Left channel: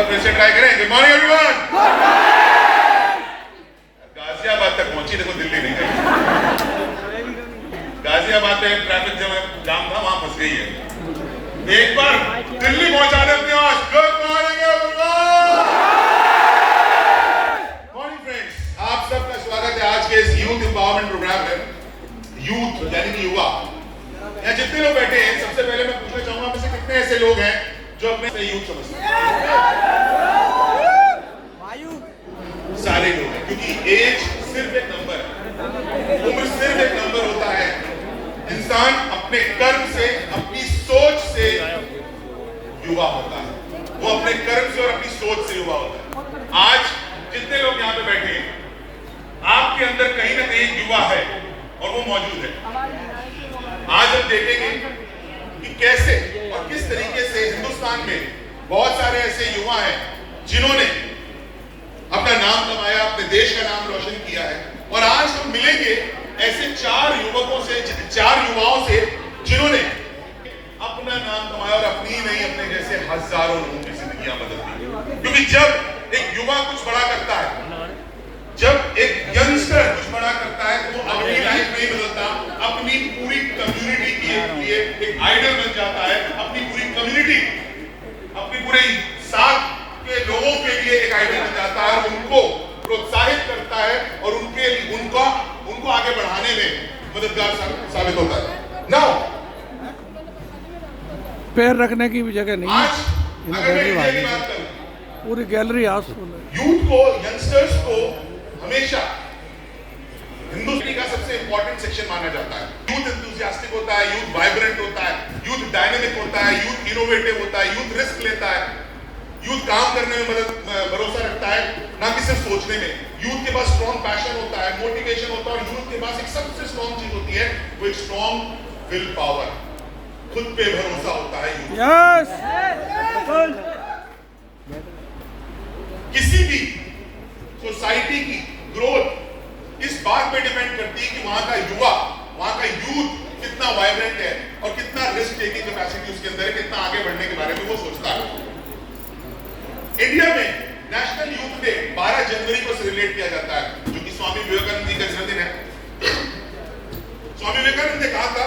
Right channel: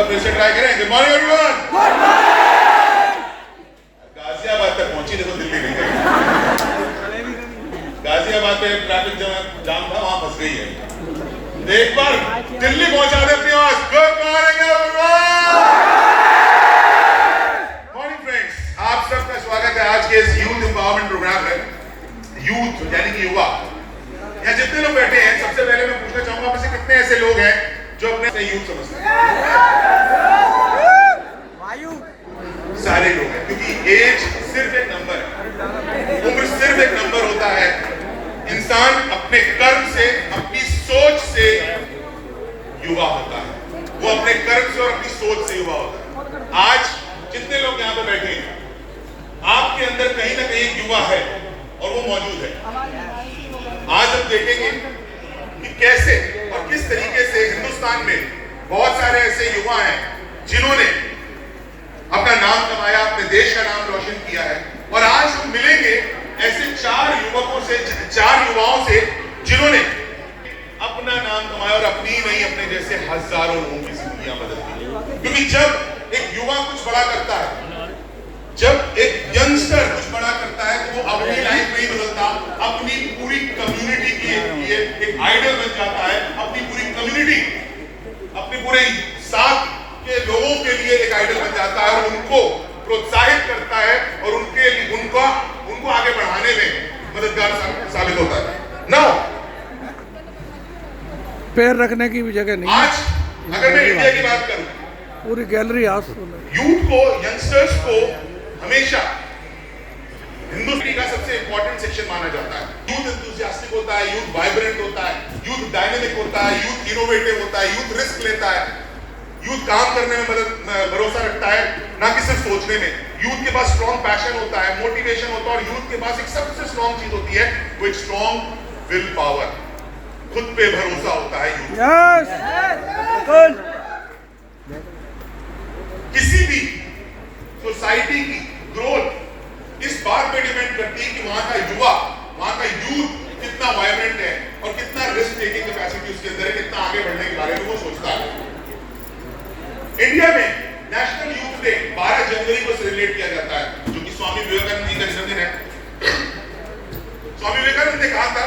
बार फिर से ट्राई करें। Good morning everyone. गाजियाबाद तक पहुंची, देखो दिल्ली नहीं गई। गाजियाबाद में ट्रैफिक जाम था, वहां फंस गई है। एक बार दिल्ली पहुंचा दे अपनी आवाज। Good morning everyone. Morning friends, आप सबका स्वागत है आज के इस यूथ एम्पावरमेंट प्रोग्राम में। यूथ यानी कि युवा, यहाँ जितने लोग बैठे हैं, सबसे पहले मैं पूछना चाहूंगा आप में से कितने ऐसे लोग हैं जो अपने यूथ समझते हैं? सारे लोग हैं, क्योंकि एज सिर्फ एक नंबर है, उम्र सिर्फ एक नंबर होता है। इंसान अपने कर्म से, अपनी सोच से युवा होता है। वो अपने कर्म से और अपनी सोच से युवा होता है। आज जितने लोग यहाँ पे बैठे हैं, आपके अंदर कहीं ना कहीं युवा है और वो मौजूद है। आज हम देखेंगे कि कैसे और किस तरीके से हिंदुस्तान में बहुत सारे ऐसे युवा हैं जिन्होंने अपना नाम कमाया, अपने देश का नाम रोशन किया है। और आज हम मिलेंगे ऐसे चार युवाओं से जिन्होंने अपना नाम कमाया और अपनी नहीं, अपने जैसे हजारों लोगों की जिंदगियां बदल दी। क्योंकि जब एक युवा कुछ बड़ा करता है, जब एक यंगस्टर कुछ बड़ा करता है, तो वो अपनी लाइफ नहीं बदलता, अपनी पूरी कम्युनिटी के लिए एक आइडल बन जाता है। अपनी पूरी कम्युनिटी, अपने पूरे साथ के लोगों के लिए एक आइडल बन जाता है और उनको प्रोत्साहित करता है और उनको आगे बढ़ाने में मददगार साबित होता है। नाउ पैर रखने की भी जगह नहीं। आज अगर मैं इंडिया की बात करूं, पूरी गैलरी हाउसफुल है। यूथ को, यंगस्टर्स को हमेशा हिंदुस्तान का सबसे इंपॉर्टेंट सेक्शन माना जाता है। यूथ एंथुसियास्टिक होता है, यूथ वाइब्रेंट होता है, यूथ डायनेमिक होता है, यूथ इनोवेटिव होता है, यूथ रिस्क लेता है, यूथ काम करने में भरोसा रखता है, ना कि सिर्फ सोचने में। यूथ के पास स्ट्रॉन्ग पैशन होता है, मोटिवेशन होता है, और यूथ के पास एक सबसे स्ट्रॉन्ग चीज होती है, वो एक स्ट्रॉन्ग विल पावर, खुद पे भरोसा होता है यूथ। किसी भी सोसाइटी की ग्रोथ इस बात पे डिपेंड करती है कि वहां का युवा, वहां का यूथ कितना वाइब्रेंट है और कितना रिस्क टेकिंग कैपेसिटी उसके अंदर है, कितना आगे बढ़ने के बारे में वो सोचता है। इंडिया में नेशनल यूथ डे 12 जनवरी को सेलिब्रेट किया जाता है, जो कि स्वामी विवेकानंद जी का जन्मदिन है। स्वामी विवेकानंद ने कहा था,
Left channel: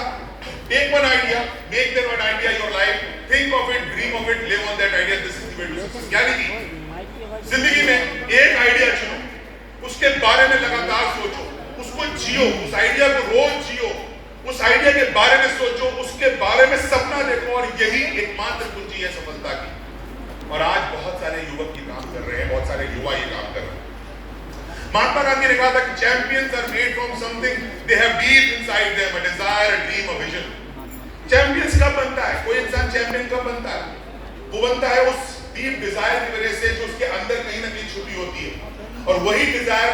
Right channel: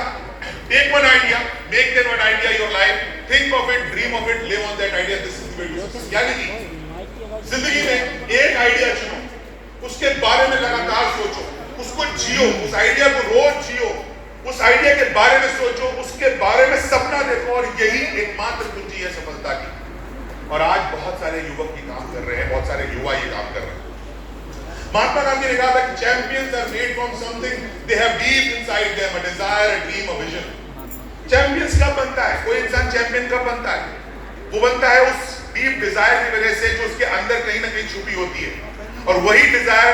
take one idea, make that one idea your life, think of it, dream of it, live on that idea. This is the way. यानी कि जिंदगी में एक आइडिया चुनो, उसके बारे में लगातार सोचो, उसको जियो, उस आइडिया को रोज जियो, उस आइडिया के बारे में सोचो, उसके बारे में सपना देखो, और यही एकमात्र कुंजी है सफलता की। और आज बहुत सारे युवक ये काम कर रहे हैं, बहुत सारे युवा ये काम कर रहे हैं। महात्मा गांधी ने कहा था कि champions are made from something they have deep inside them, a desire, a dream, a vision. Champions कब बनता है? कोई इंसान चैंपियन कब बनता है? वो बनता है उस डीप डिजायर की वजह से जो उसके अंदर कहीं ना कहीं छुपी होती है। और वही डिजायर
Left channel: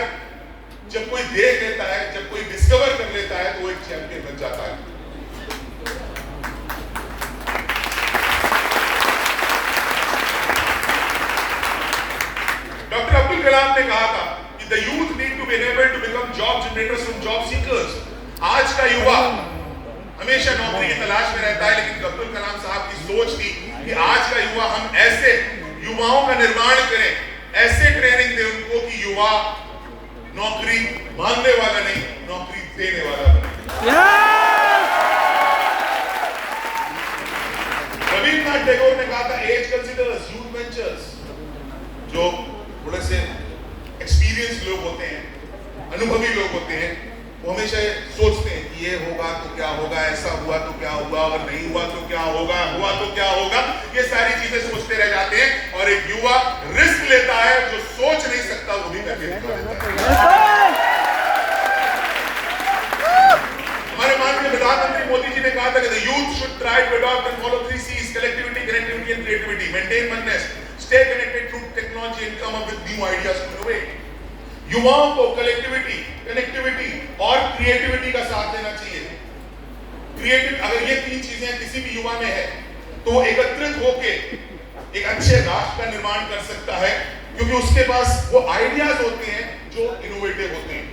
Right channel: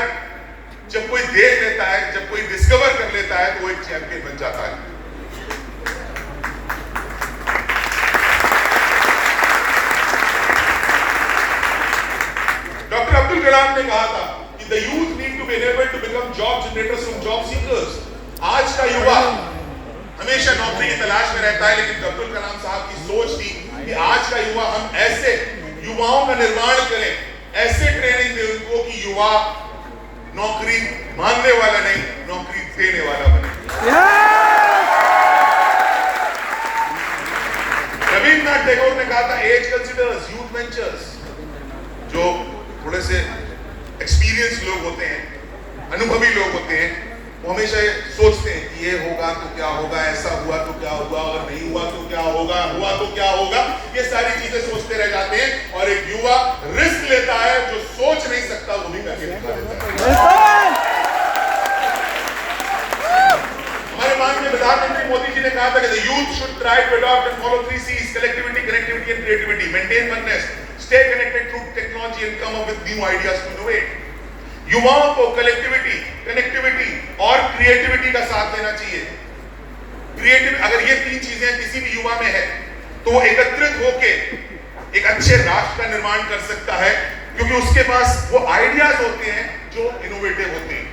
जब कोई देख लेता है, जब कोई डिस्कवर कर लेता है, तो वो एक चैंपियन बन जाता है। डॉक्टर अब्दुल कलाम ने कहा था कि the youth need to be enabled to become job generators from job seekers. आज का युवा हमेशा नौकरी की तलाश में रहता है, लेकिन अब्दुल कलाम साहब की सोच थी कि आज का युवा, हम ऐसे युवाओं का निर्माण करें, ऐसे ट्रेनिंग दें उनको कि युवा नौकरी मांगने वाला नहीं, नौकरी देने वाला बने। रविन्द्रनाथ टैगोर ने कहा था, एज कंसिडर्स, यूथ वेंचर्स। जो थोड़े से एक्सपीरियंस लोग होते हैं, अनुभवी लोग होते हैं, वो हमेशा सोचते हैं कि ये होगा तो क्या होगा, ऐसा हुआ तो क्या हुआ, अगर नहीं हुआ तो क्या होगा, हुआ तो क्या होगा, ये सारी चीजें सोचते रह जाते हैं। और एक युवा रिस्क लेता है, जो सोच नहीं सकता वो भी करके दिखा देता है। हमारे माननीय प्रधानमंत्री मोदी जी ने कहा था कि the youth should try to adopt and follow 3 C's: collectivity, connectivity and creativity. Maintain oneness, stay connected through technology and come up with new ideas to innovate. युवाओं को कलेक्टिविटी, कनेक्टिविटी और क्रिएटिविटी का साथ देना चाहिए। अगर ये 3 चीजें किसी भी युवा में है, तो वो एकत्रित होके एक अच्छे राष्ट्र का निर्माण कर सकता है, क्योंकि उसके पास वो आइडियाज होते हैं जो इनोवेटिव होते हैं।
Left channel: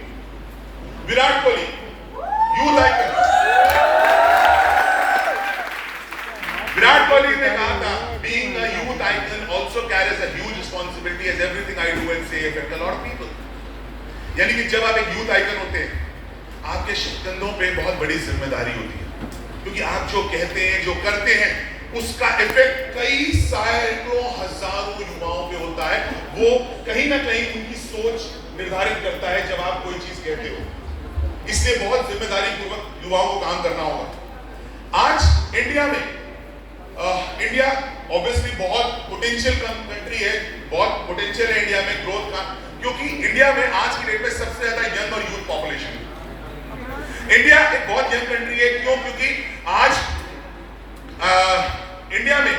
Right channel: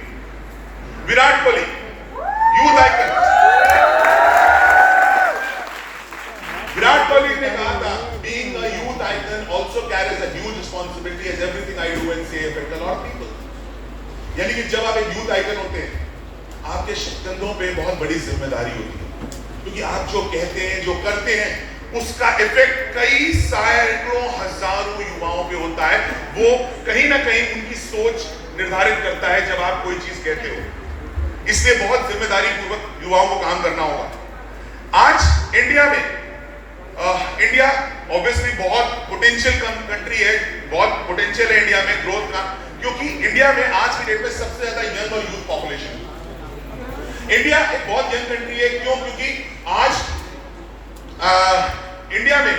Virat Kohli, youth icon. विराट कोहली ने कहा था, being a youth icon also carries a huge responsibility as everything I do and say affect a lot of people. यानी कि जब आप एक यूथ आइकन होते हैं, आपके कंधों पे बहुत बड़ी जिम्मेदारी होती है, क्योंकि आप जो कहते हैं, जो करते हैं, उसका इफेक्ट कई सैकड़ों हजारों युवाओं पे होता है। वो कहीं ना कहीं उनकी सोच निर्धारित करता है जब आप कोई चीज कहते हो। इसलिए बहुत जिम्मेदारी पूर्वक युवाओं को काम करना होगा। आज इंडिया में इंडिया ऑब्वियसली बहुत पोटेंशियल कंट्री है, बहुत पोटेंशियल है इंडिया में ग्रोथ का, क्योंकि इंडिया में आज की डेट में सबसे ज्यादा यंग और यूथ पॉपुलेशन है। इंडिया एक बहुत यंग कंट्री है, क्यों? क्योंकि आज इंडिया में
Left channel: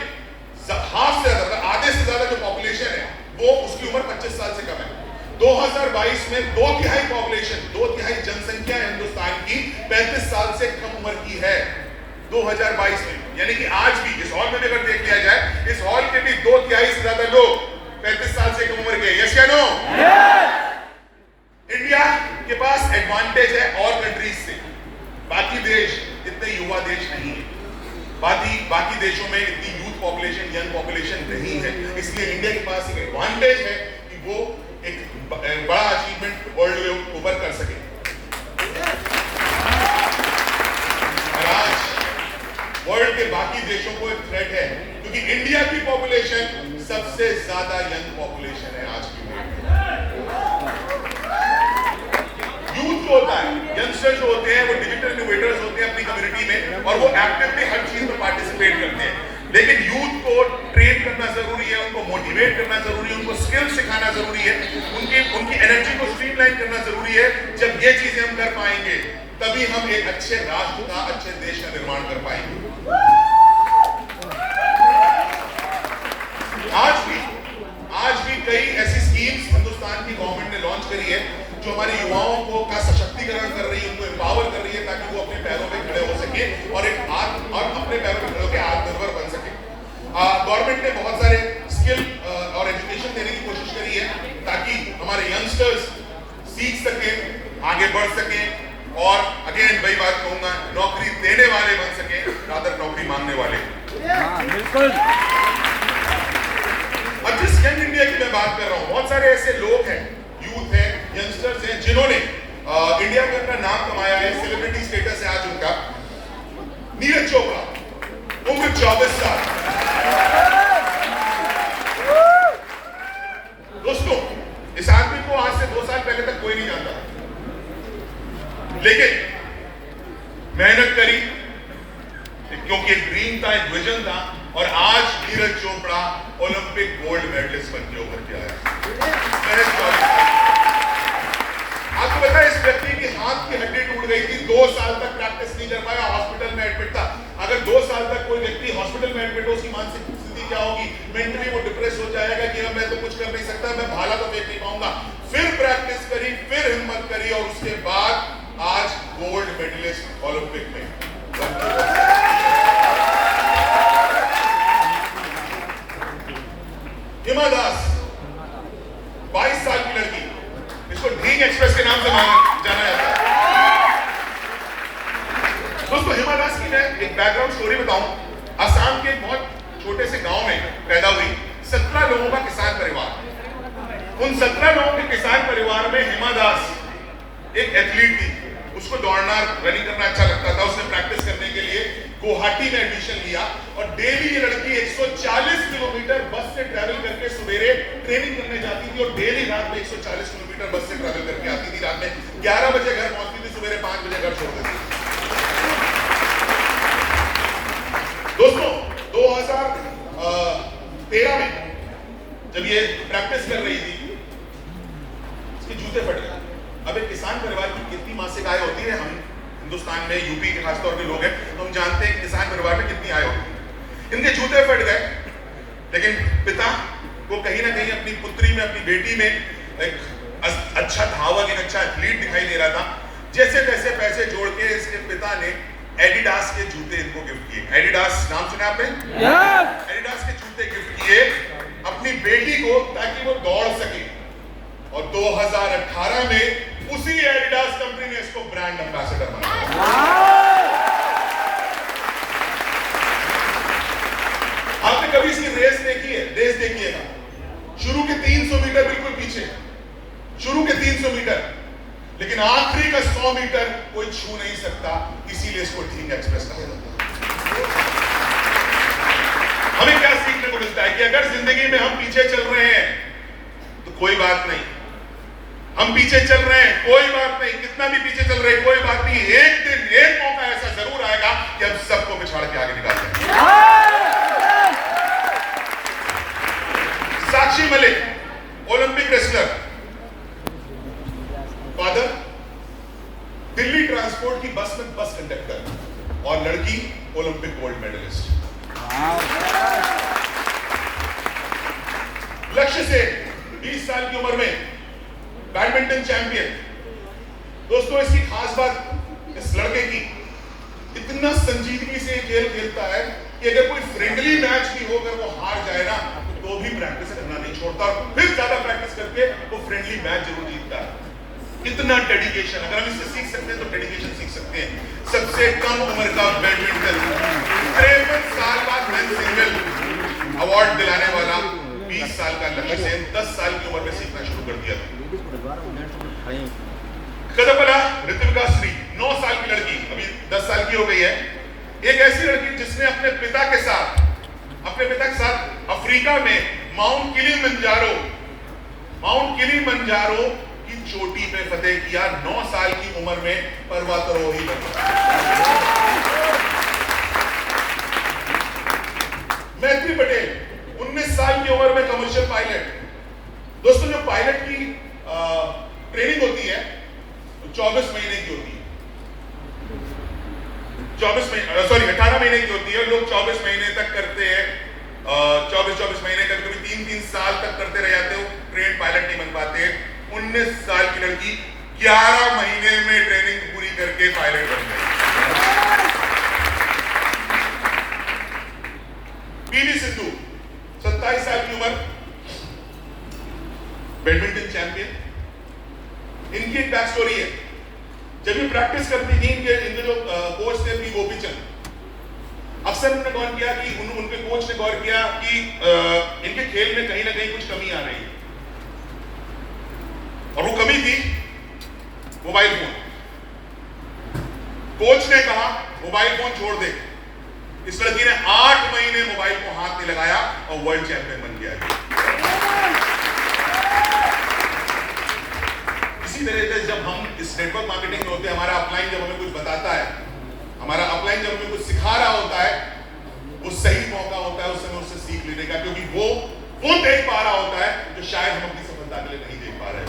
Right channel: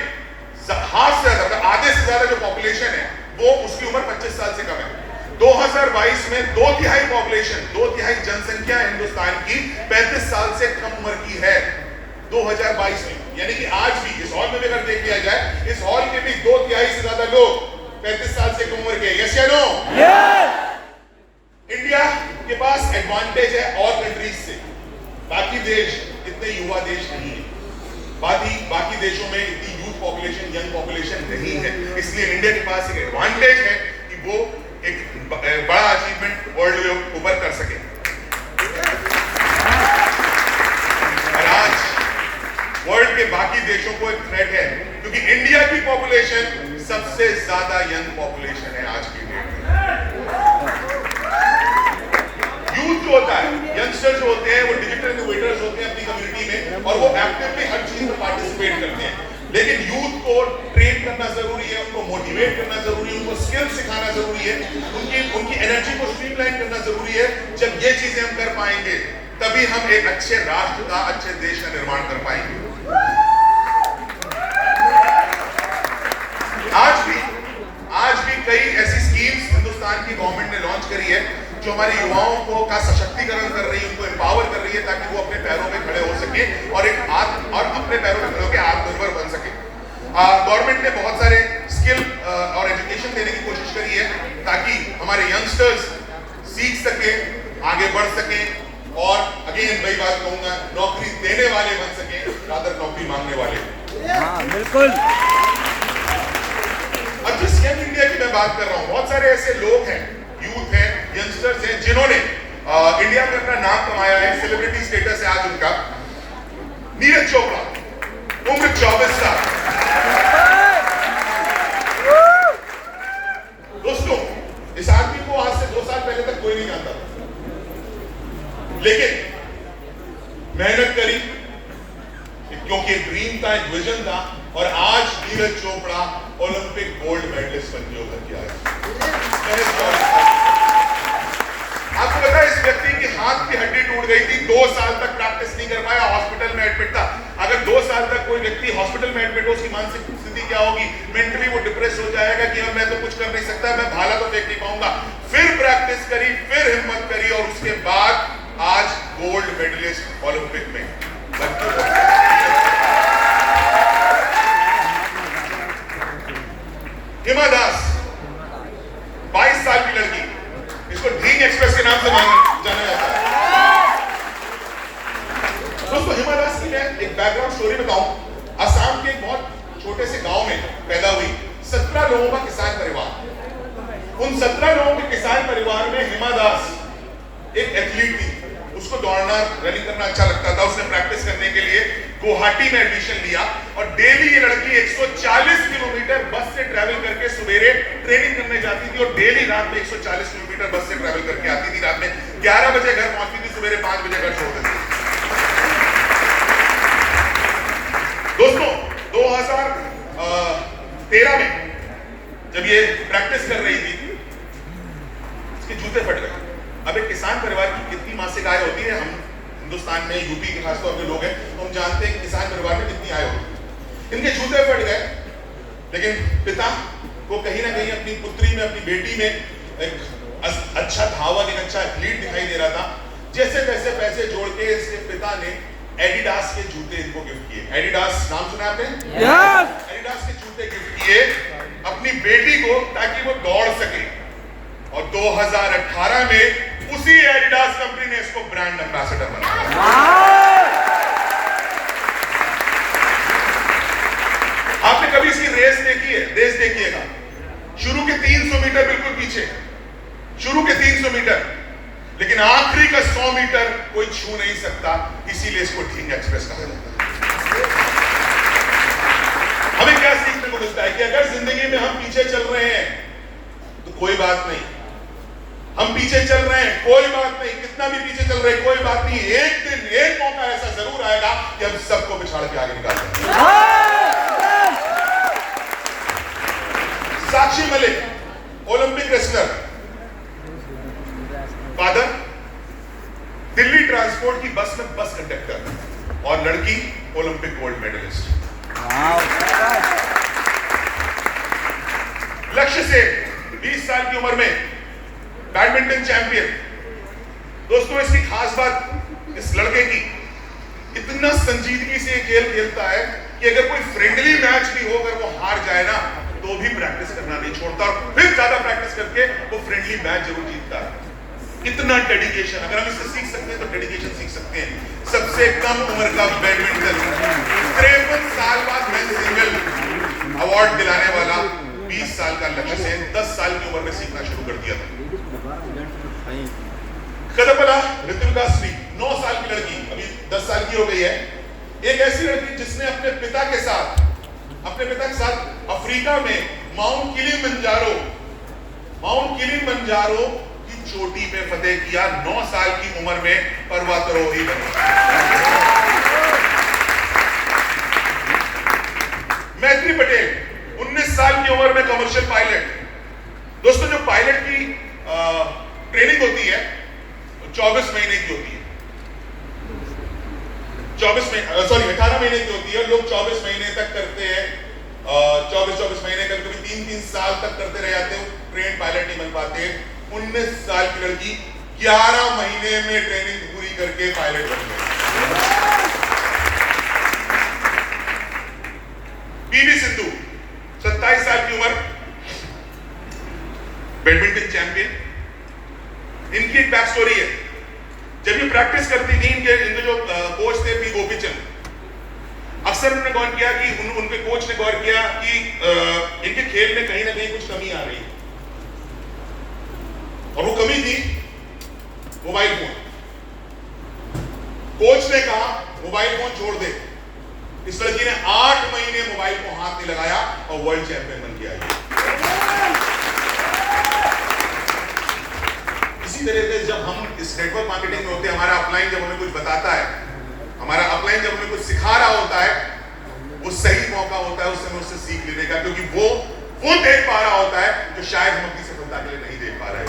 हाफ से ज्यादा, आधे से ज्यादा जो पॉपुलेशन है वो उसकी उम्र 25 साल से कम है। 2022 में 2/3 पॉपुलेशन, 2/3 जनसंख्या हिंदुस्तान की 35 साल से कम उम्र की है 2022 में। यानी कि आज भी इस हॉल में भी अगर देख लिया जाए, इस हॉल के भी 2/3 से ज्यादा लोग 35 साल से कम उम्र के। यस या नो? इंडिया के पास एडवांटेज है और कंट्रीज से। बाकी देश इतने युवा देश नहीं है, बाकी देशों में इतनी यूथ पॉपुलेशन, यंग पॉपुलेशन नहीं है। इसलिए इंडिया के पास एक एडवांटेज है कि वो एक बड़ा अचीवमेंट वर्ल्ड में ऊपर कर सके। और आज वर्ल्ड के बाकी देशों को एक थ्रेट है, क्योंकि इंडिया की पॉपुलेशन सबसे ज्यादा यंग पॉपुलेशन है आज की डेट में। यूथ जो होता है, यंगस्टर्स जो होते हैं, वो डिजिटल इनोवेटर्स होते हैं अपनी कम्युनिटी में, और वो एक्टिवली हर चीज में पार्टिसिपेट करते हैं। लेकिन यूथ को ट्रेन करना जरूरी है, उनको मोटिवेट करना जरूरी है, उनको स्किल सिखाना जरूरी है, उनकी एनर्जी को स्ट्रीमलाइन करना जरूरी है। जब ये चीजें हम कर पाएंगे, तभी हम एक अच्छे राष्ट्र का, अच्छे देश का निर्माण कर पाएंगे। आज भी कई ऐसी स्कीम्स हिंदुस्तान की गवर्नमेंट ने लॉन्च करी है जो हमारे युवाओं को का सशक्तिकरण कर रही है, उनको एम्पावर कर रही है, ताकि वो अपने पैरों पे खड़े हो सके और अपने पैरों पे खड़े होकर आत्मनिर्भर बन सके। गवर्नमेंट ने बहुत सारे स्किल और एजुकेशन देने की कोशिश करी है, ताकि हमारे यंगस्टर्स सीख सके, आगे बढ़ सके, और अगेन वही बात कहूंगा, नौकरी देने वाले बन सके, रादर नौकरी मांगने वाले। बिल्कुल। अब जिस यंग इंडिया की मैं बात कर रहा हूं, बहुत सारे ऐसे लोग हैं, यूथ हैं, यंगस्टर्स हैं, जिन्होंने इंडिया में अपना नाम कमाया है, सेलिब्रिटी स्टेटस है आज उनका। नीरज चोपड़ा, उम्र 24 साल। दोस्तों, इस आदमी को आज से 2 साल पहले तक कोई नहीं जानता, लेकिन मेहनत करी, क्योंकि एक ड्रीम था, एक विजन था, और आज Neeraj Chopra Olympic gold medallist बन के उभर के आया। आपको पता है, इस व्यक्ति की हाथ की हड्डी टूट गई थी, 2 साल तक प्रैक्टिस नहीं कर पाया, हॉस्पिटल में एडमिट था। अगर 2 साल तक कोई व्यक्ति हॉस्पिटल में एडमिट हो, उसकी मानसिक स्थिति क्या होगी? मेंटली वो डिप्रेस हो जाएगा कि मैं तो कुछ कर नहीं सकता, मैं भाला तो देख नहीं पाऊंगा। फिर प्रैक्टिस करी, फिर हिम्मत करी, और उसके बाद आज गोल्ड मेडलिस्ट ओलंपिक में। हिमा दास, 22 साल की लड़की, इसको ड्रीम एक्सप्रेस के नाम से जाना जाता है। दोस्तों, हिमा दास की मैं एक बैकग्राउंड स्टोरी बताऊं। असम के एक बहुत छोटे से गांव में पैदा हुई, 17 लोगों का किसान परिवार। उन 17 लोगों के किसान परिवार में हिमा दास एक एथलीट थी। उसको दौड़ना, रनिंग करना अच्छा लगता था। उसने प्रैक्टिस करने के लिए गुवाहाटी में एडमिशन लिया, और डेली ये लड़की 140 किलोमीटर बस से ट्रैवल करके सवेरे ट्रेनिंग करने जाती थी, और डेली रात में 140 किलोमीटर बस से ट्रैवल करके आती थी। रात में 11 बजे घर पहुंचती थी, सवेरे 5 बजे घर छोड़ देती थी। दोस्तों, 2013 में जब ये प्रैक्टिस कर रही थी, इसके जूते फट गए। अब एक किसान परिवार की कितनी मासिक आय होती है? हम हिंदुस्तान में, यूपी के खासतौर पे लोग हैं, तो हम जानते हैं किसान परिवार में कितनी आय होती है। इनके जूते फट गए, लेकिन पिता को कहीं ना कहीं अपनी पुत्री में, अपनी बेटी में एक अच्छा धावक, एक अच्छा एथलीट दिखाई दे रहा था। जैसे तैसे पैसे जोड़ के इसके पिता ने एडिडास के जूते इनको गिफ्ट किए। एडिडास नाम सुना आपने? एडिडास के जूते गिफ्ट किए अपनी बेटी को, ताकि वो दौड़ सके। और 2018 में उसी एडिडास कंपनी ने इसको ब्रांड एम्बेसडर बनाया। आपने कभी इसकी रेस देखी देखिए, रेस देखिएगा, शुरू के 300 मीटर बिल्कुल पीछे, शुरू के 300 मीटर, लेकिन आखिरी का 100 मीटर कोई छू नहीं सकता, इसीलिए इसको ढींग एक्सप्रेस कहा जाता है। हमें क्या सीखने को मिलता है कि अगर जिंदगी में हम पीछे चल रहे हैं तो कोई बात नहीं, हम पीछे चल रहे हैं कोई बात नहीं, कितना भी पीछे चल रहे हैं कोई बात नहीं, एक दिन एक मौका ऐसा जरूर आएगा कि हम सबको पिछाड़ के आगे निकाल देंगे। Sakshi Malik Olympic wrestler, father Delhi transport की बस में बस कंडक्टर, और लड़की ओलंपिक गोल्ड मेडलिस्ट। लक्ष्य से 20 साल की उम्र में बैडमिंटन चैंपियन। दोस्तों, इसकी खास बात इस लड़के की, इतना संजीदगी से खेल खेलता है कि अगर कोई फ्रेंडली मैच भी हो, अगर वो हार जाए ना तो भी प्रैक्टिस करना नहीं छोड़ता और फिर ज्यादा प्रैक्टिस करके वो फ्रेंडली मैच जरूर जीतता है। इतना डेडिकेशन, अगर हम इससे सीख सकते हैं तो डेडिकेशन सीख सकते हैं। सबसे कम उम्र का बैडमिंटन, 53 साल बाद ग्रैंड सिंगल अवार्ड दिलाने वाला 20 साल का लक्ष्य से 10 साल की उम्र में सीखना शुरू कर दिया था। कदपला ऋतुविका श्री, 9 साल की लड़की, अभी 10 साल की हो गई है। एक ऐसी लड़की जिसने अपने पिता के साथ अफ्रीका में माउंट किलिमंजारो की चोटी पे फतेह किया, 9 साल की उम्र में पर्वतारोही बनी। मैत्री पटेल, 19 साल की उम्र में कमर्शियल पायलट। दोस्तों, जो पायलट की ट्रेनिंग होती है 24 महीने की होती है, 18 महीने की होती है, और लोग 24 महीने तक करते हैं, 24 महीने, कभी 3 साल तक करते रह जाते हो, ट्रेन पायलट नहीं बन पाते। 19 साल की लड़की 11 महीने में ट्रेनिंग पूरी करके पायलट बन गई। पीवी सिंधु, 27 साल की उम्र, बैडमिंटन चैंपियन। इनकी एक बैक स्टोरी है। जब ये प्रैक्टिस करती थी, इनके जो कोच थे पी गोपीचंद, अक्सर उन्होंने गौर किया कि उनके कोच ने गौर किया कि इनके खेल में कहीं ना कहीं कुछ कमी आ रही है, और वो कमी थी मोबाइल फोन। कोच ने कहा मोबाइल फोन छोड़ दे। इस लड़की ने 8 महीने मोबाइल को हाथ नहीं लगाया और वर्ल्ड चैंपियन बन गया। इसी तरह से जब हम इस नेटवर्क मार्केटिंग में होते हैं, हमारा अपलाइन जब हमें कुछ बताता है, हमारा अपलाइन जब हमें कुछ सिखा रहा होता है, वो सही मौका होता है उस समय उससे सीख लेने का, क्योंकि वो देख पा रहा होता है जो शायद हम अपनी सफलता के लिए नहीं देख पा रहे।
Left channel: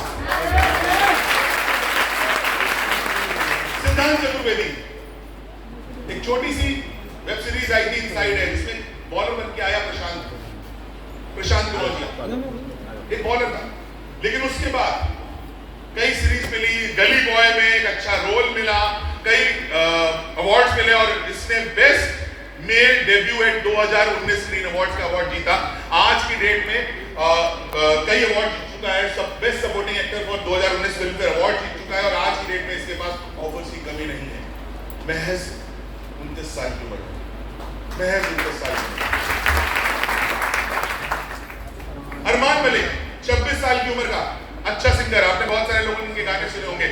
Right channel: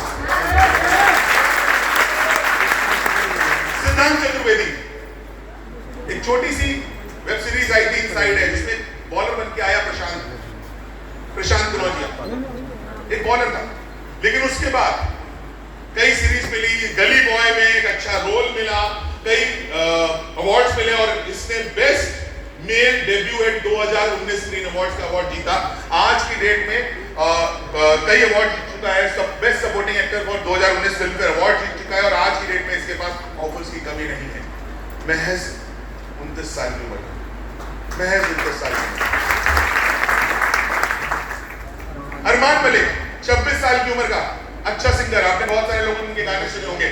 सिद्धांत चतुर्वेदी, एक छोटी सी वेब सीरीज आई थी इनसाइड है, जिसमें बॉलर बन के आया प्रशांत कनौजिया, एक बॉलर था, लेकिन उसके बाद कई सीरीज मिली, गली बॉय में एक अच्छा रोल मिला, कई अवार्ड्स मिले, और इसने best male debut at 2019 screen awards का अवार्ड जीता। आज की डेट में कई अवार्ड जीत चुका है, सब best supporting actor for 2019 Filmfare award जीत चुका है, और आज की डेट में इसके पास ऑफर्स की कमी नहीं है। महज 29 साल की उम्र, महज 29 साल की उम्र। अरमान मलिक, 26 साल की उम्र का अच्छा सिंगर, आपने बहुत सारे लोगों ने उनके गाने सुने होंगे।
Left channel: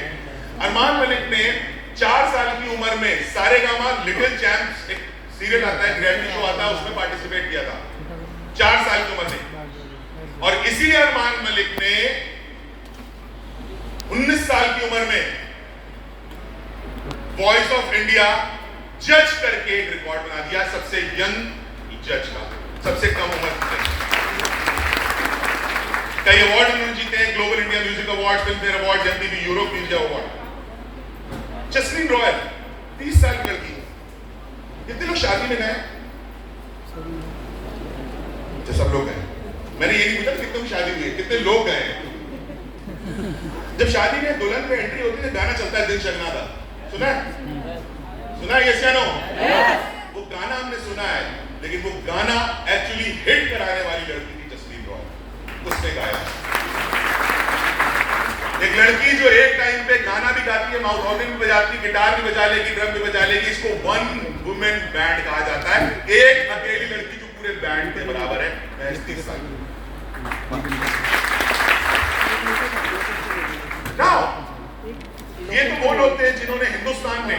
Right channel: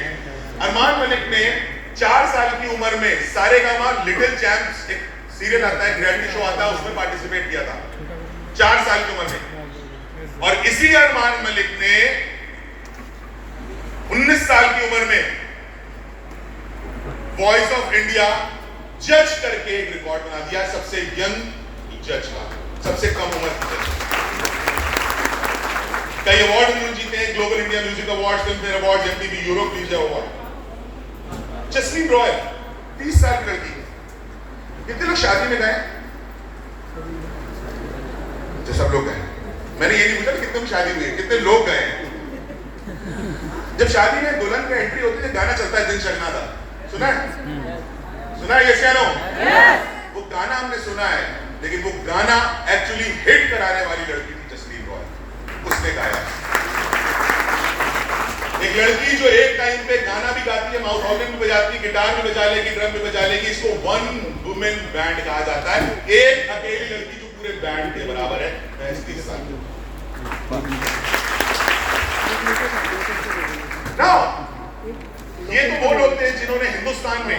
अरमान मलिक ने 4 साल की उम्र में सारेगामा लिटिल चैंप्स, एक सीरियल आता है, रियलिटी शो आता है, उसमें पार्टिसिपेट किया था 4 साल की उम्र में। और इसी अरमान मलिक ने 19 साल की उम्र में वॉइस ऑफ इंडिया जज करके एक रिकॉर्ड बना दिया, सबसे यंग जज का, सबसे कम उम्र की जज। कई अवार्ड उन्होंने जीते हैं, global India music award, film fair award, MTV Europe music award. Jasleen royal, 30 साल की लड़की। कितने लोग शादी में गए? जो सब लोग गए। मैंने ये नहीं पूछा कितने की शादी हुई है, कितने लोग गए। जब शादी में दुल्हन का एंट्री होती है, गाना चलता है दिल शगना था, सुना है यस या नो? वो गाना हमने सुना है, लेकिन वो गाना एक्चुअली हिट कराने वाली लड़की थी जसलीन रॉय, उसने गाया। एक लड़की जो एक टाइम पे गाना भी गाती है, माउथ ऑर्गन भी बजाती है, गिटार भी बजा लेगी, ड्रम भी बजा लेगी, इसको वन वुमेन बैंड कहा जाता है। एक अकेली लड़की जो पूरे बैंड के बराबर है महज 30 साल की उम्र। Now, ये तो वो लोग थे जिन्होंने हिंदुस्तान में